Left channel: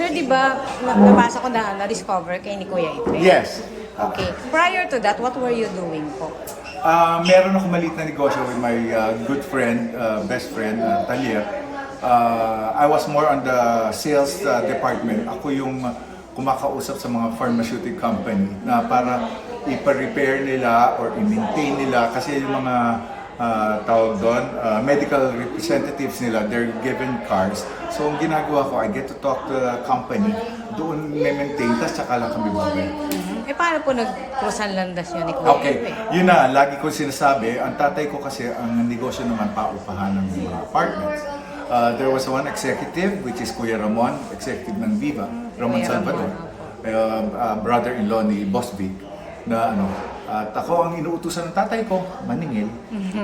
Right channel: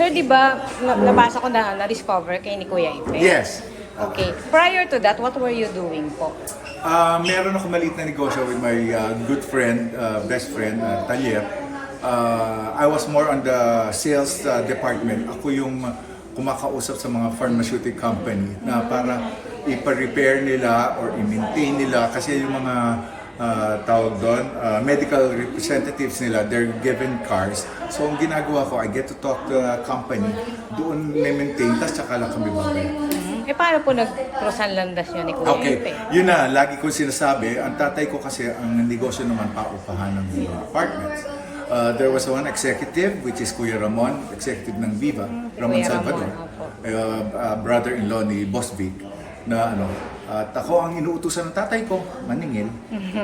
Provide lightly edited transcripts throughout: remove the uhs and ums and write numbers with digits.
Sir, di ba, nabasa ko na-discover kay ni Kuya Ipe? Yes. Okay. Prior to that, what were you doing po? Meron ako maliit na negosyo with my good friend, best friend, Talier. I was more on the sales department. Ako yung kumakausap sa mga pharmaceutical company na para ipa-repair nila or i-maintain nila kasi yung mga tawag doon, medical representatives nila, they're given cars. So, ang ginagawa ko, I get to talk to the company, doon may-maintain, tapos tsaka lang kami babay. Paano po nag-cross ang landas yun ni Kuya Ipe? Yun na, lagi ko sinasabi, ang tatay ko kasi, ang negosyo naman paupahan ng mga apartments. There was one executive, which is Kuya Ramon, executive ng Viva, Ramon Kuya Salvador, brother-in-law ni Boss Vic, na at ako ang inuutusan ng tatay ko, maningil.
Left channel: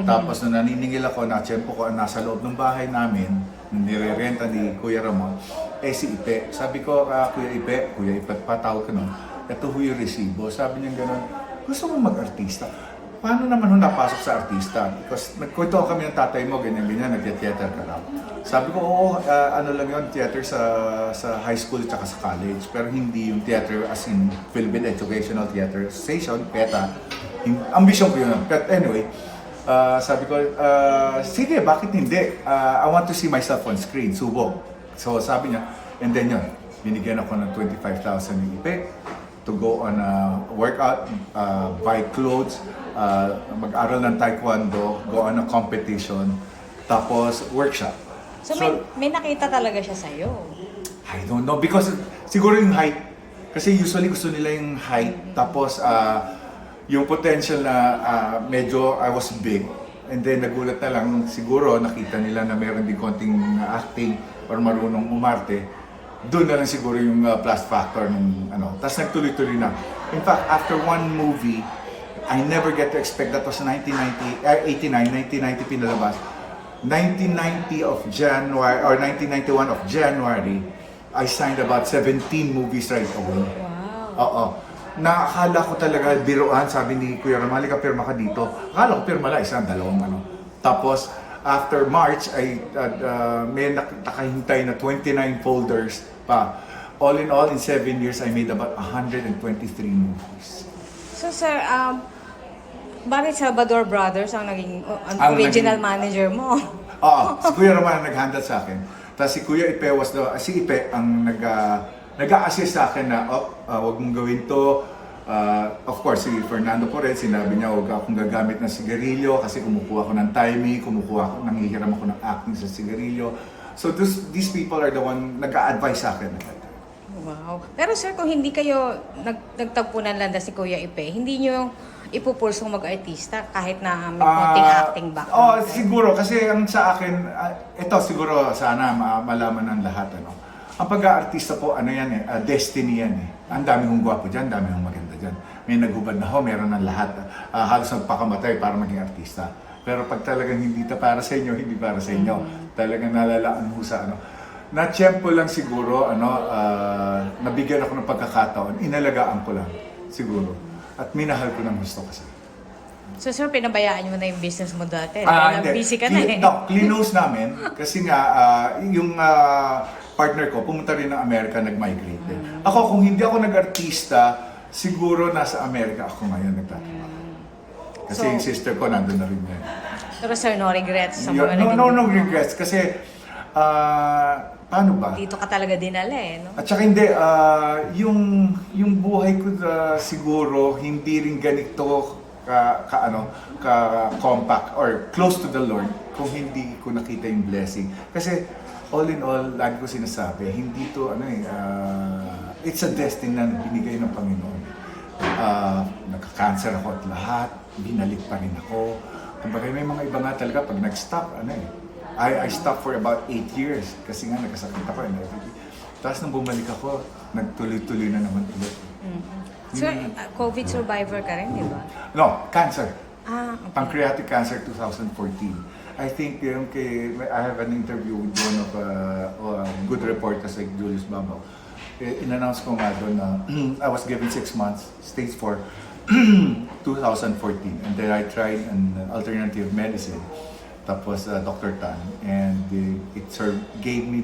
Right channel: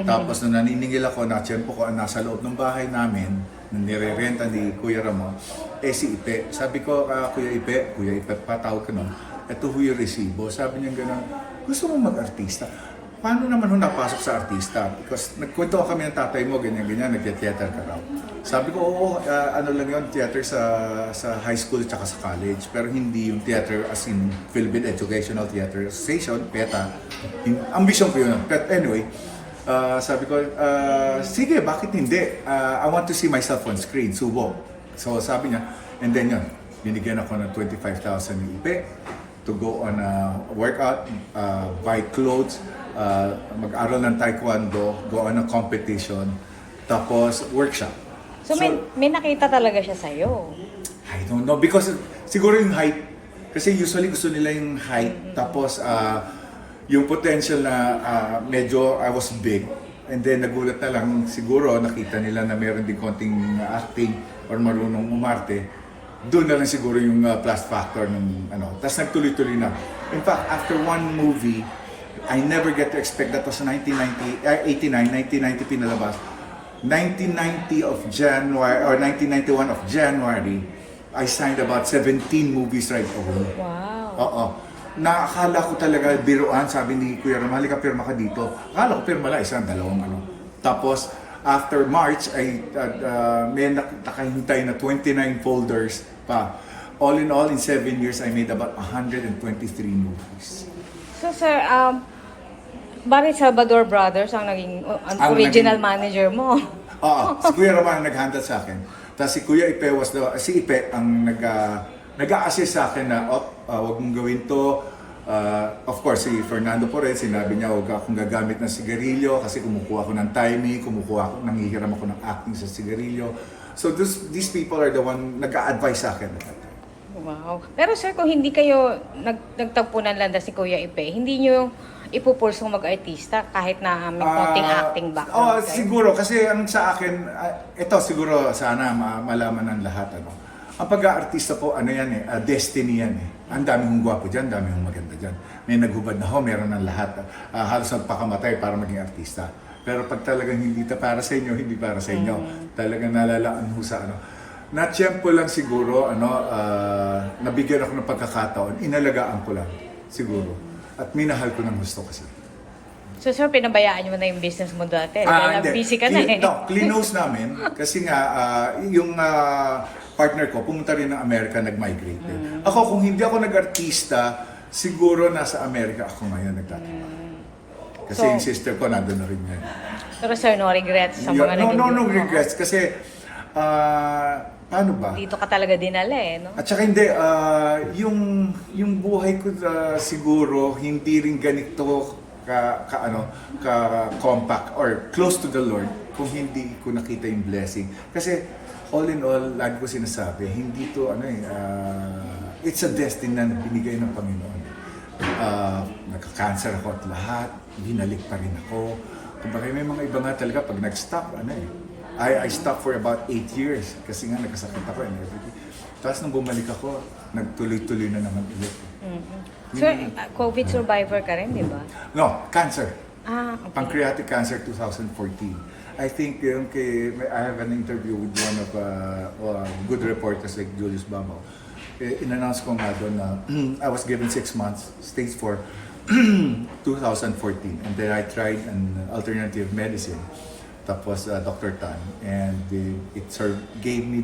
Tapos nung naniningil ako, na-tiyempo ko, nasa loob ng bahay namin, na nire-renta ni Kuya Ramon, si Ipe. Sabi ko, Kuya Ipe, patawag ko nun, ito ho yung resibo. Sabi niya gano'n, gusto mo mag-artista? Paano naman ho napasok sa artista? Because nagkwento kami ng tatay mo, ganyan-ganyan, nag-theater ka raw. Sabi ko, oo, ano lang yun, theater sa high school at sa college. Pero hindi yung theater as in Philippine Educational Theater Station, PETA. Ambition ko yun. But anyway, sabi ko, sige, bakit hindi? I want to see myself on screen, subo. So sabi niya, and then yun, binigyan ako ng 25,000 ni Ipe to go on a workout, buy clothes, mag-aral ng taekwondo, go on a competition, tapos workshop. So may nakita talaga siya sa'yo? I don't know, because siguro yung height. Kasi usually gusto nila yung height, tapos yung potential na medyo I was big. And then nagulat na lang, siguro nakita nila na meron din konting acting or marunong umarte. Doon na lang siguro yung plus factor ng Tapos nagtuloy-tuloy na. In fact, after one movie, I never get to expect, that was 1990 pinalabas. 1990 of January, or 1991 of January, I signed about 17 movies right away. Wow. Oo. Nakakala ko talaga, biruan, sabi ni Kuya Ramali, ka pirma ka dito. Akala ko pirma lang, isang, dalawang Tapos, after March, ay may nakahintay na 29 folders pa. All in all, in 7 years, I made about 123 movies. So sir, bakit Salvador Brothers ang naging original manager mo? Oo, si Kuya Raman nag-handle sa akin. Tapos si Kuya Ipe si Ipe ang nag-a-assist sa akin na, wag mong gawin to. Of course, si Fernando po rin, sinabi niya, huwag akong gagamit ng sigarilyo kasi kumukuha ko ng timing, nanghihiram ako ng acting sa sigarilyo. So these people are the one nag-a-advise sa akin. Wow. Pero sir, kung hindi kayo nagtagpo ng landas si Kuya Ipe, hindi nyo ipupursong mag-artista kahit na may konting acting background? Siguro, kasi ang sa akin, ito siguro sana malaman ng lahat. Ang pag-aartista po, destiny yan eh. Ang dami hong gwapo dyan, dami hong maganda dyan. May naghubad na ho, meron ng lahat. Halos nagpakamatay para maging artista. Pero pag talagang hindi para sa inyo, hindi para sa inyo. Talagang nalalaan ho sa Na-tiyempo lang siguro, nabigyan ako ng pagkakataon, inalagaan ko lang, siguro. At minahal ko ng gusto kasi. So sir, pinabayaan mo na yung business mo dati? Dahil busy ka na eh. No, clean-nose namin. Kasi nga, yung partner ko, pumunta rin ng Amerika, nag-migrate. Ako, kung hindi ako nag-artista, siguro nasa Amerika ako ngayon nagtatrabaho. Kasi yung sister ko, nandun na rin yan. Pero sir, no regrets sa mga naging... No regrets. Kasi, paano ba? Dito ka talaga dinala eh, no? At saka hindi, yung buhay ko siguro, hindi rin ganito compact or close to the Lord kung hindi ko nakita yung blessing. Kasi, all in all, lagi ko sinasabi, hindi to, it's a destiny na binigay ng Panginoon. Nagka-cancer ako at lahat, binalik pa rin ako. Kumbaga may mga iba nga talaga pag nag-stop, I stopped for about 8 years kasi nga nagkasakit ako and everything. Tapos nung bumalik ako, nagtuloy-tuloy na naman ulit. Sir, COVID survivor ka rin, di ba? No, cancer. Okay. Pancreatic cancer 2014. I think I have an interview with one of good reporters like Julius Babaw. In-announce ko nga doon na I was given 6 months, stage 4, 2014. And then I tried an alternative medicine. Tapos Dr. Tan, and it gave me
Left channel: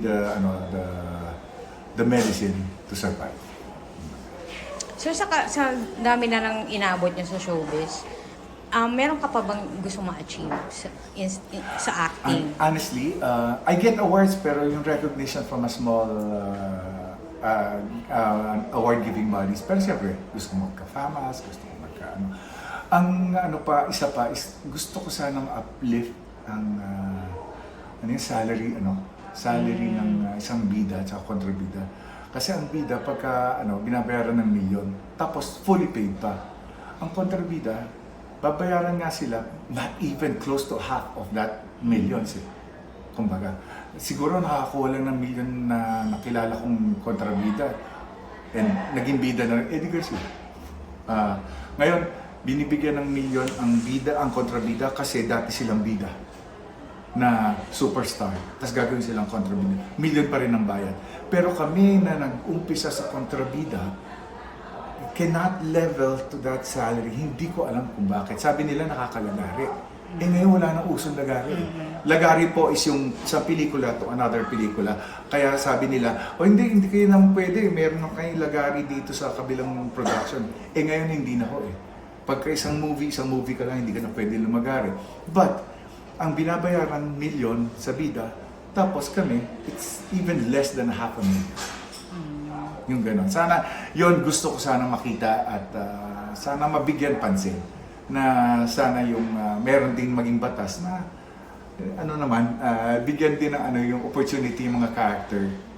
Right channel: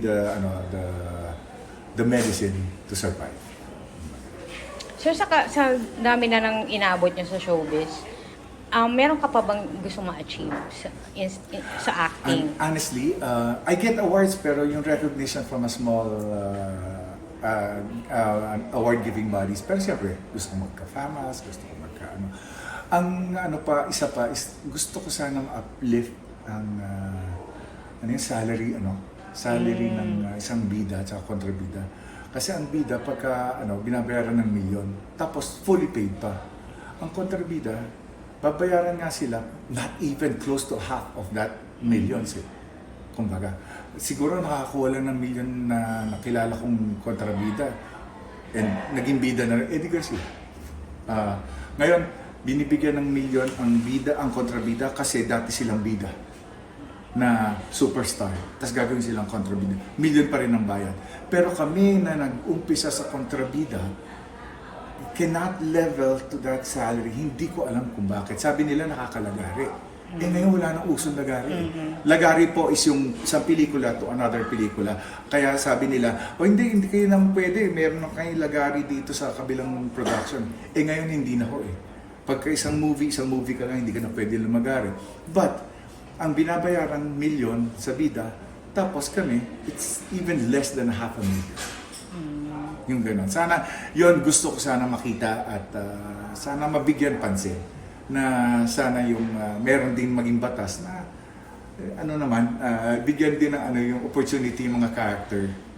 the medicine to survive. Sir, sa dami na nang inabot niyo sa showbiz, meron ka pa bang gusto ma-achieve sa acting? Honestly, I get awards pero yung recognition from a small award-giving bodies. Pero siyempre, gusto ko magka-famas, gusto ko magka-ano. Ang isa pa is gusto ko sana ma-uplift ang yung salary ng isang bida at kontrabida. Kasi ang bida pagka binabayaran ng milyon, tapos fully paid pa. Ang kontrabida, babayaran nga sila not even close to half of that millions eh. Kumbaga, siguro nakakuha lang ng milyon na nakilala kong kontrabida and naging bida na rin, Eddie Garcia. Ngayon, binibigyan ng milyon ang kontrabida kasi dati silang bida na superstar. Tapos gagawin silang kontrabida. Milyon pa rin ang bayad. Pero kami na nag-umpisa sa kontrabida, cannot level to that salary. Hindi ko alam kung bakit. Sabi nila nakakalagari. Ngayon wala nang usong lagari. Lagari po is yung isang pelikula to another pelikula. Kaya sabi nila, hindi kayo naman pwede. Meron na kayo lagari dito sa kabilang production. Ngayon hindi na ho eh. Pagka isang movie ka lang, hindi ka na pwede lumagari. But, ang binabayaran milyon sa bida, tapos kami, it's even less than $500,000. Yung gano'n. Sana, yon gusto ko sana makita at sana mabigyan pansin na sana yung meron din maging batas na bigyan din ng yung opportunity yung mga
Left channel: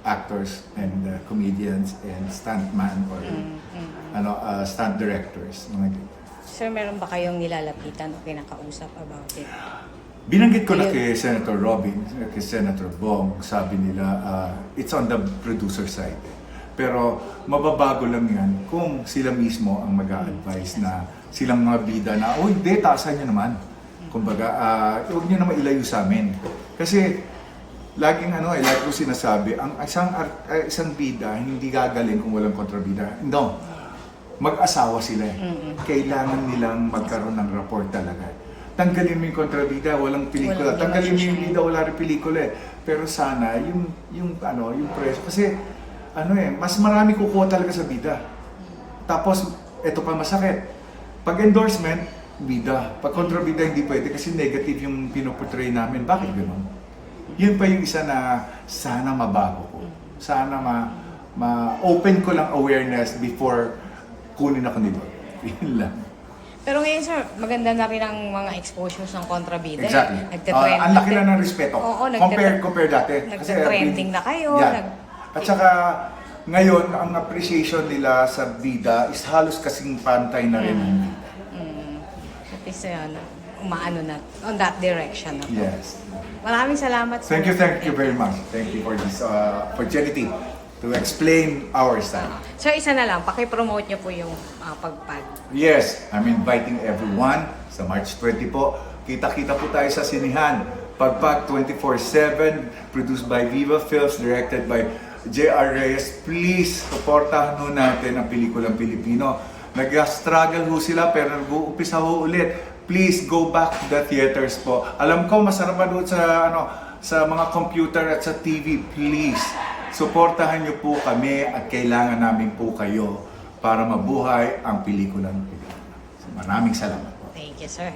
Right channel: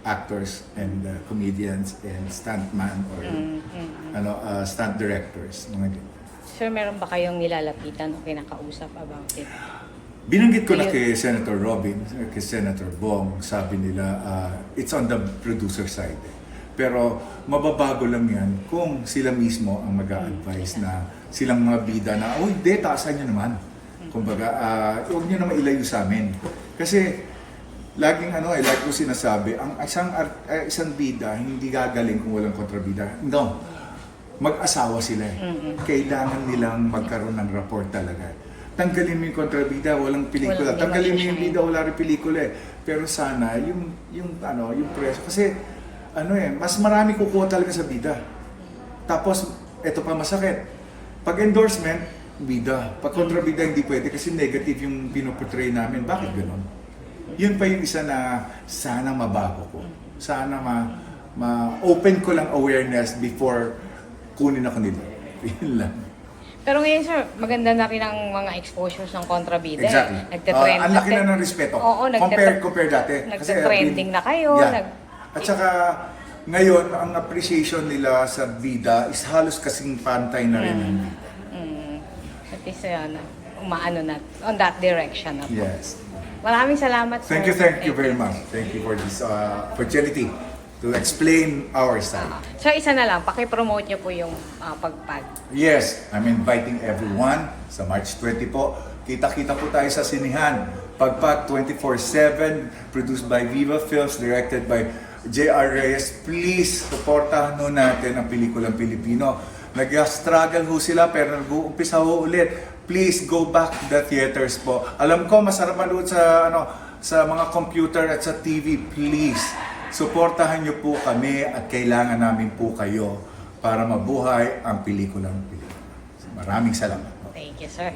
actors and comedians and stuntman or stunt directors. Mga ganyan. Sir, meron ba kayong nilalapitan o kinakausap about it? Binanggit ko na kay Senator Robin, kay Senator Bong, sabi nila, it's on the producer side. Pero mababago lang yan kung sila mismo ang mag-a-advise na silang mga bida na, hindi, taasan nyo naman. Kumbaga, huwag nyo naman ilayo sa amin. Kasi, laging like ko sinasabi, ang isang bida, hindi gagaling kung walang kontrabida. No, mag-asawa sila eh. Kailangan nilang magkaroon ng rapport talaga. Tanggalin mo yung kontrabida, walang pelikula. Tanggalin mo yung bida, wala rin pelikula eh. Pero sana, yung presyo. Kasi, mas marami kukuha talaga sa bida. Tapos, eto pa masakit. Pag endorsement, bida. Pag kontrabida, hindi pwede kasi negative yung pinoportray namin. Bakit gano'n? Yun pa yung isa na sana mabago ko. Sana ma-open ko lang awareness before kunin ako nito. Yun lang. Pero ngayon, sir, maganda na rin ang mga exposures ng kontrabida. Exactly. Nagte-trend. Ang laki na ng respeto. Oo, compare dati. Nagte-trending na kayo. Yeah. At saka, ngayon, ang appreciation nila sa bida is halos kasing pantay na rin. At least, umaano na, on that direction na po. Yes. Maraming salamat, sir. Thank you very much. Thank you for this opportunity to explain our side. Sir, isa na lang, pakipromote niyo po yung pagpag. Yes, I'm inviting everyone sa March 20 po. Kita-kita po tayo sa sinihan. Pagpag 24/7, produced by Viva Films, directed by J.R. Reyes. Please, supportahan ho natin ang pelikulang Pilipino. Nag-struggle ho sila pero nag-uumpisa ho ulit. Please go back to the theaters po. Alam ko masarap manood sa mga computer at sa TV. Please, suportahan niyo po kami at kailangan namin po kayo para mabuhay ang pelikulang Pilipino. Maraming salamat po. Thank you, sir.